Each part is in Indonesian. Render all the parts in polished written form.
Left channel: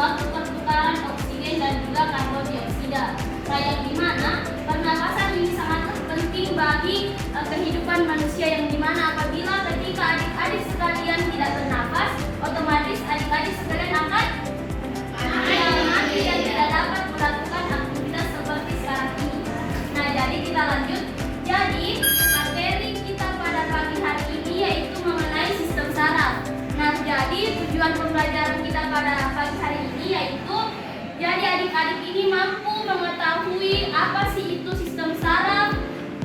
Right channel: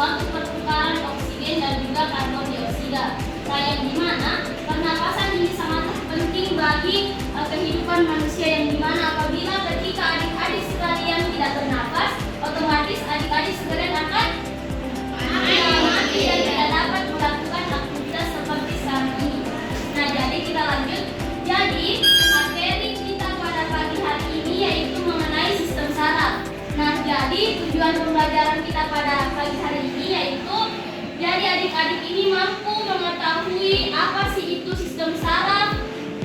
suatu pertukaran oksigen dan juga karbon dioksida. Yang dimana pernapasan ini sangat penting bagi kehidupan manusia, yang dimana apabila ketika adik-adik sekalian tidak bernapas, otomatis adik-adik sekalian akan mati dan tidak dapat melakukan aktivitas seperti sekarang ini. Nah, jadi kita lanjut. Jadi materi kita pada pagi hari ini yaitu mengenai sistem saraf. Nah, jadi tujuan pembelajaran kita pada pagi hari ini yaitu jadi adik-adik ini mampu mengetahui apa sih itu sistem saraf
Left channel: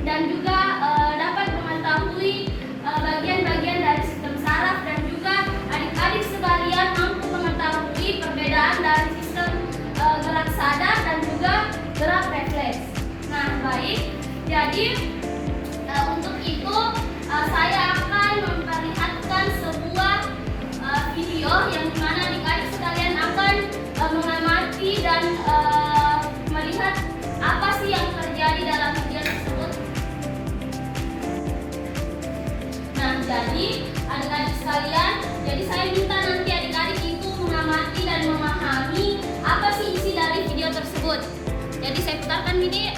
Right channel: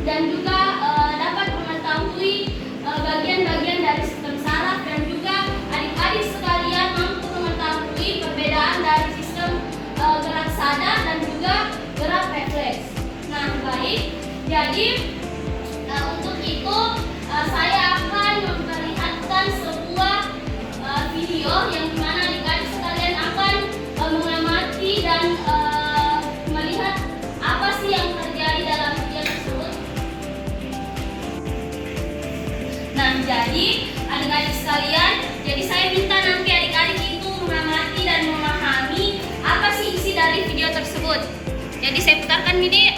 dan juga dapat mengetahui bagian-bagian dari sistem saraf, dan juga adik-adik sekalian mampu mengetahui perbedaan dari sistem gerak sadar dan juga gerak refleks. Nah, baik. Jadi untuk itu saya akan memperlihatkan sebuah video yang dimana adik-adik sekalian akan mengamati dan melihat apa sih yang terjadi dalam video tersebut. Nah, jadi adik-adik sekalian, jadi saya minta nanti adik-adik itu mengamati dan memahami apa sih isi dari video tersebut. Jadi saya putarkan video.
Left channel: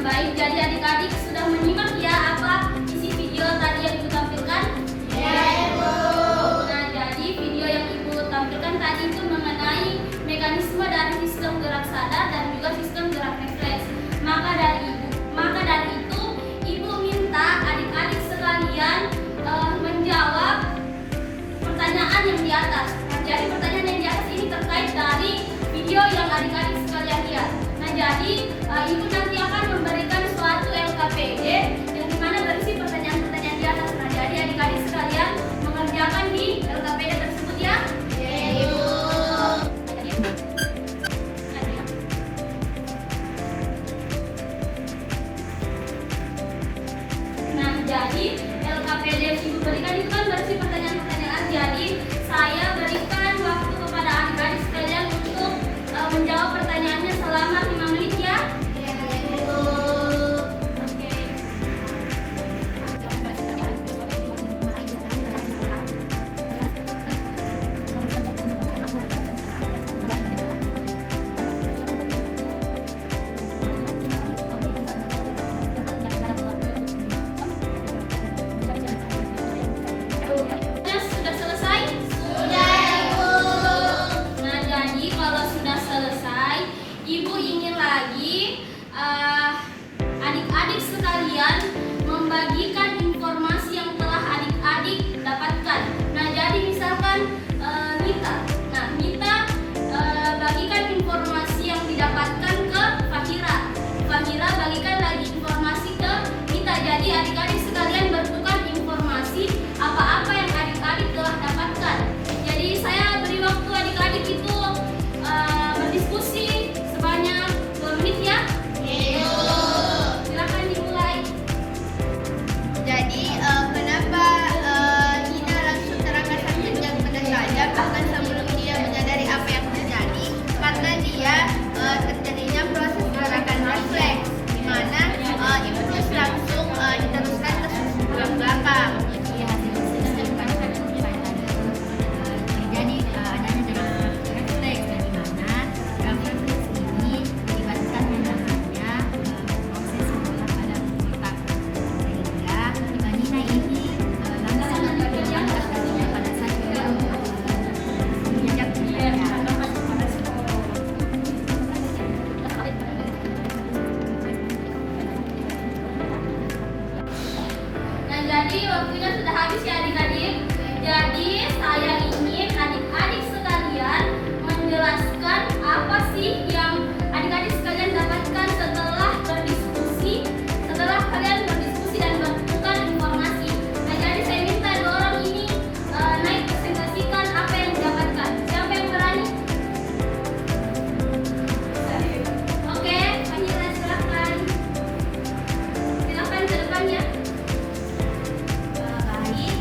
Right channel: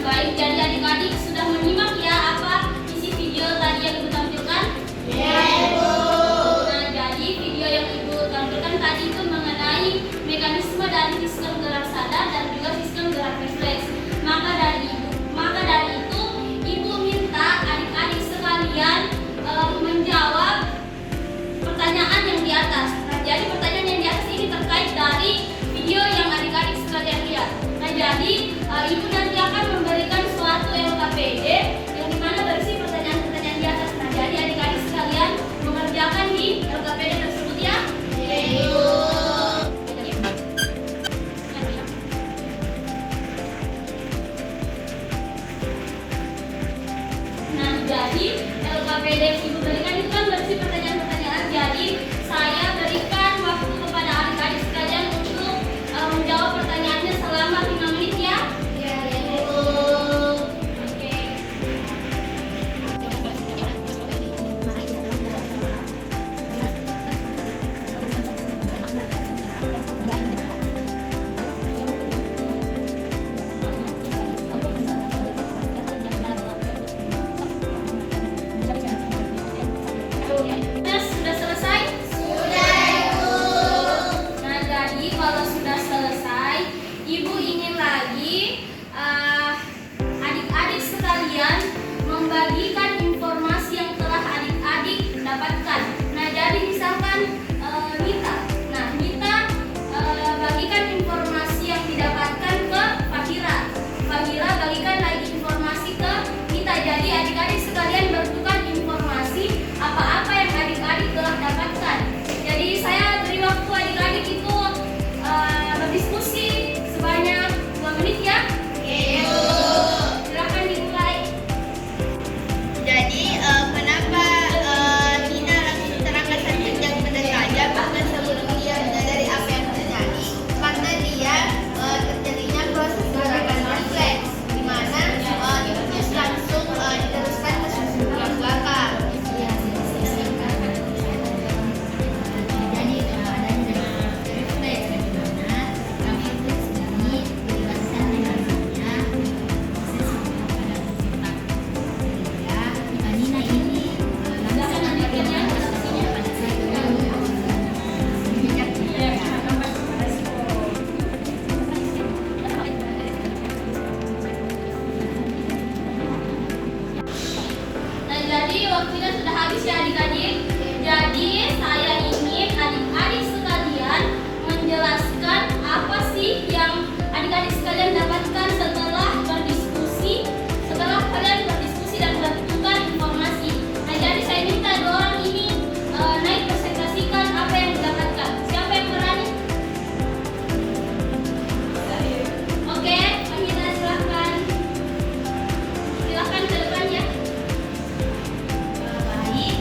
Baik, jadi adik-adik sudah menyimak ya apa isi video tadi yang Ibu tampilkan? Yes, Bu. Nah, jadi video yang Ibu tampilkan tadi itu mengenai mekanisme dari sistem gerak sadar dan juga sistem gerak refleks. Maka dari itu Ibu minta adik-adik sekalian menjawab pertanyaan yang di atas. Nah, jadi pertanyaan yang di atas ini terkait dari video yang adik-adik sekalian lihat. Nah, jadi Ibu nanti akan memberikan suatu LKPD yang dimana berisi pertanyaan-pertanyaan di atas. Nah, jadi adik-adik sekalian mengerjakan di LKPD tersebut ya. Nah, jadi LKPD yang Ibu berikan itu kan berisi pertanyaan-pertanyaan. Jadi saya berikan waktu kepada adik-adik sekalian untuk menjawab pertanyaannya selama 5 menit ya. Sudah selesai? Sudah, Ibu. Nah, jadi kalau sudah selesai, Ibu ingin lagi adik-adik sekalian membagikan informasi yang telah adik-adik dapatkan. Nah, jadi misalkan Nita. Nah, Nita bagikan informasi yang didapatkan ke Fahira. Fahira bagikan lagi informasi ke Nita. Jadi adik-adik sekalian bertukar informasi apa-apa yang adik-adik telah dapatkan. Jadi saya beri waktu adik-adik itu berdiskusi sebanyak 2 menit ya. Silakan dimulai. Jadi kenapa Nina langsung terangkan saja pada saja bahkan sebelum dia menyadari apa yang terjadi? Karena dia terjadinya proses gerakan refleks, di mana impuls langsung diteruskan ke tulang belakang. Jadi adanya gerakan refleks, di mana refleks ini melibatkan yang namanya proses sebelah pada otak. Sehingga Nina ini langsung menunjukkan reaksinya pada saat dia menginjak. Nah, jadi waktunya sudah habis ya adik-adik. Jadi saya ingin adik-adik sekalian menjelaskan apa sih yang adik-adik sekalian dapatkan setelah berdiskusi, setelah kalian berdiskusi dan bertukar informasi. Nah, jadi saya minta 2 orang ini naik presentasikan apa yang didapatkan. Siapa yang berani? Oke, Fahira silakan. Silakan ke depannya. Baik,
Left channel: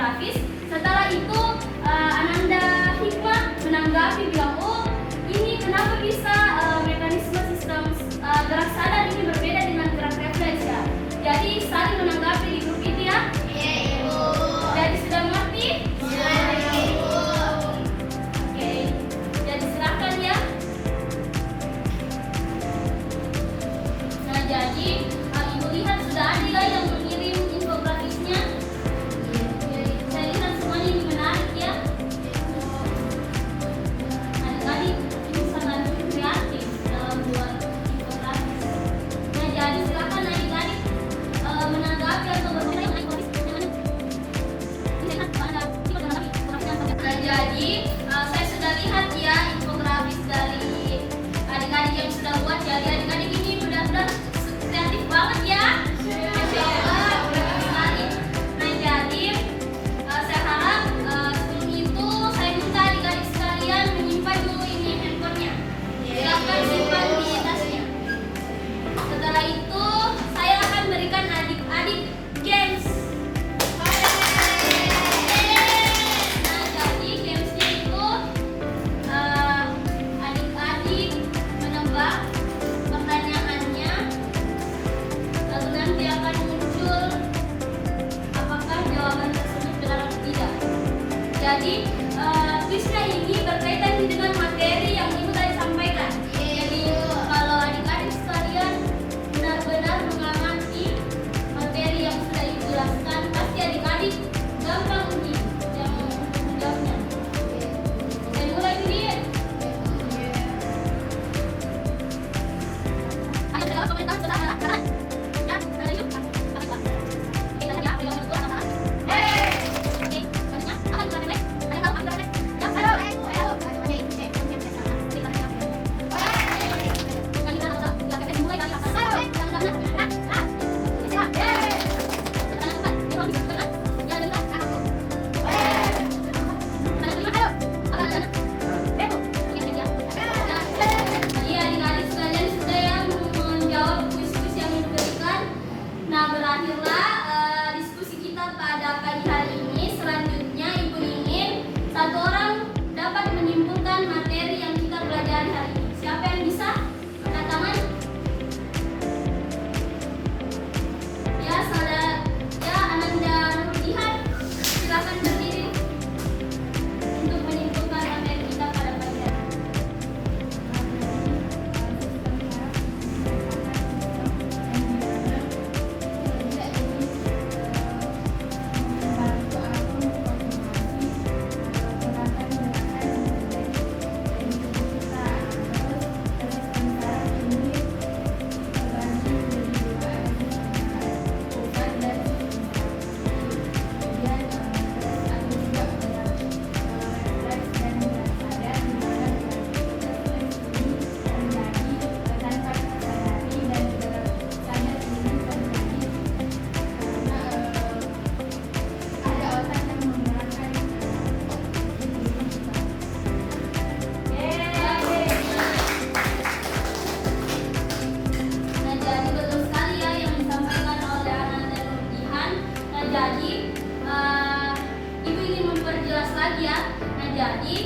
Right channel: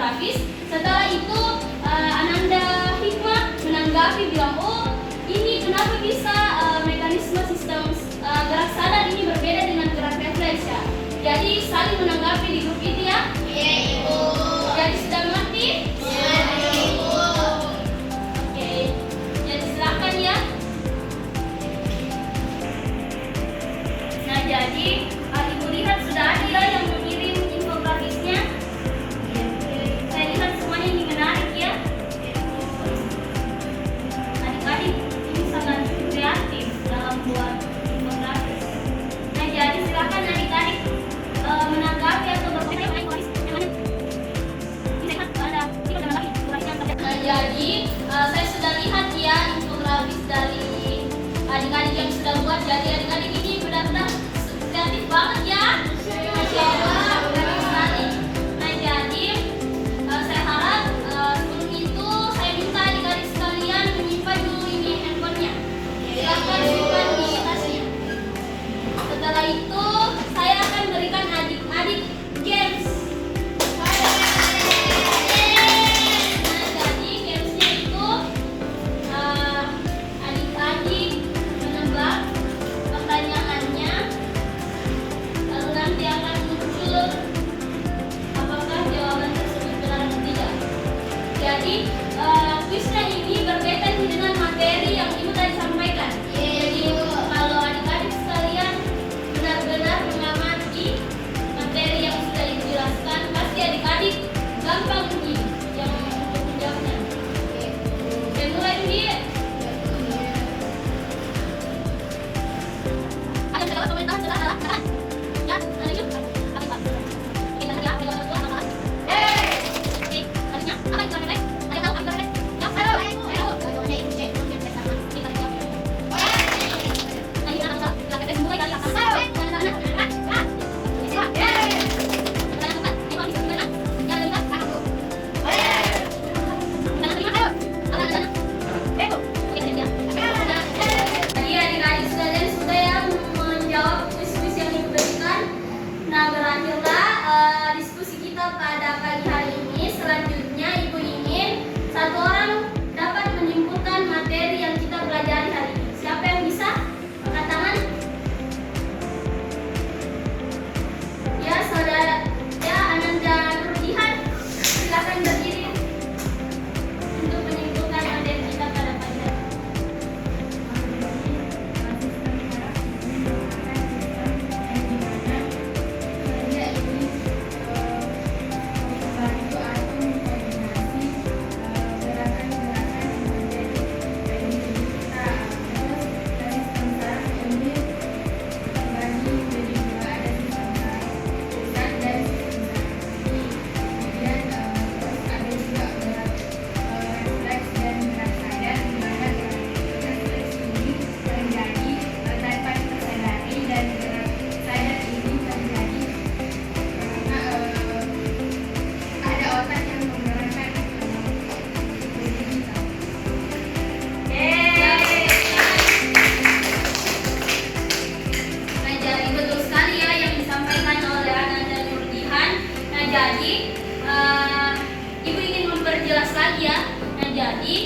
infografis. Setelah itu Ananda Hikmah menanggapi bilang, oh ini kenapa bisa mekanisme sistem gerak sadar ini berbeda dengan gerak refleks ya. Jadi saling menanggapi di grup itu ya. Iya, Ibu. Jadi sudah mengerti? Iya, Ibu. Oke, jadi silakan ya. Nah jadi Ibu lihat sudah ada ya yang mengirim infografisnya. Saya lihat semuanya ini menarik ya. Adik-adik ini sangat kreatif dalam buat infografis. Nah jadi silakan adik-adik menanggapi atau berkomentar. Nah jadi saya sudah lihat ya infografis dari adik-adik yang sudah buat. Jadi adik-adik ini benar-benar kreatif banget ya. Masya Allah, benar sekali. Nah jadi saya harap sebelum itu saya minta adik-adik sekalian menyimpan dulu ini handphonenya. Silakan simpan di tasnya. Setelah itu saya akan berikan adik-adik games. Nah jadi gamesnya itu adik-adik menebak pertanyaannya, lalu nanti akan muncul apakah jawaban tersebut benar atau tidak. Jadi kuisnya ini berkaitan dengan materi yang Ibu tadi sampaikan. Jadi kalau adik-adik sekalian benar-benar mengamati materi yang sudah Ibu jelaskan, pasti adik-adik gampang nih yang untuk menjawabnya. Saya mulai nih. Ada segala komentar silakan. Ya, ada yuk. Apa Pak? Kita lihat apa yang betul apa. Oke, harusnya apa yang kurang baik? Ada tahu apa yang kurang baik? Ya, ada. Jadi adik-adik sekalian sudah yang menjawab kuis-kuis yang diberikan. Nah berakhirlah diskusi kita pada pagi hari ini. Selanjutnya Ibu ingin satu orang dapat menyimpulkan materi yang kita pelajari hari ini. Siapa yang bisa? Angkat tangan. Ya saudara, ya Ananda Nurjihan, silakan berdiri untuk menyimpulkan materi kita pada pagi hari ini. Nah jadi betul sekali ya yang disampaikan oleh Ananda Nurjihan. Nah jadi Ibu ingin memperjelas lagi ya. Nah jadi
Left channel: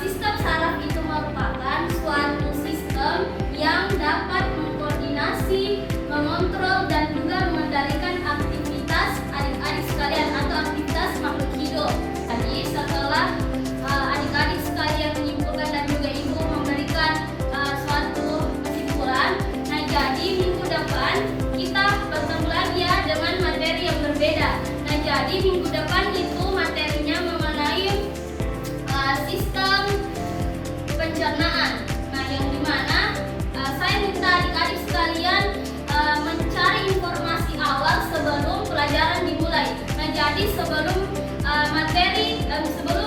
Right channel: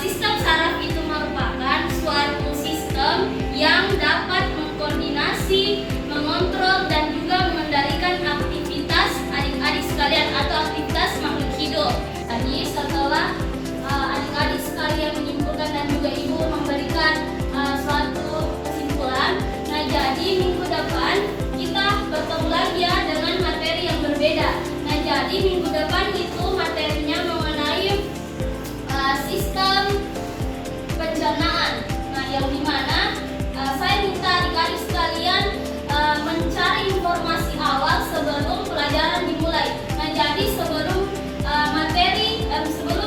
sistem saraf itu merupakan suatu sistem yang dapat mengkoordinasi, mengontrol dan juga mengendalikan aktivitas adik-adik sekalian atau aktivitas makhluk hidup. Tadi setelah adik-adik sekalian menyimpulkan dan juga Ibu memberikan suatu kesimpulan. Nah jadi minggu depan kita bertemu lagi ya dengan materi yang berbeda. Nah jadi minggu depan itu materinya mengenai sistem pencernaan. Nah yang dimana saya minta adik-adik sekalian mencari informasi awal sebelum pelajaran dimulai. Nah jadi sebelum materi sebelum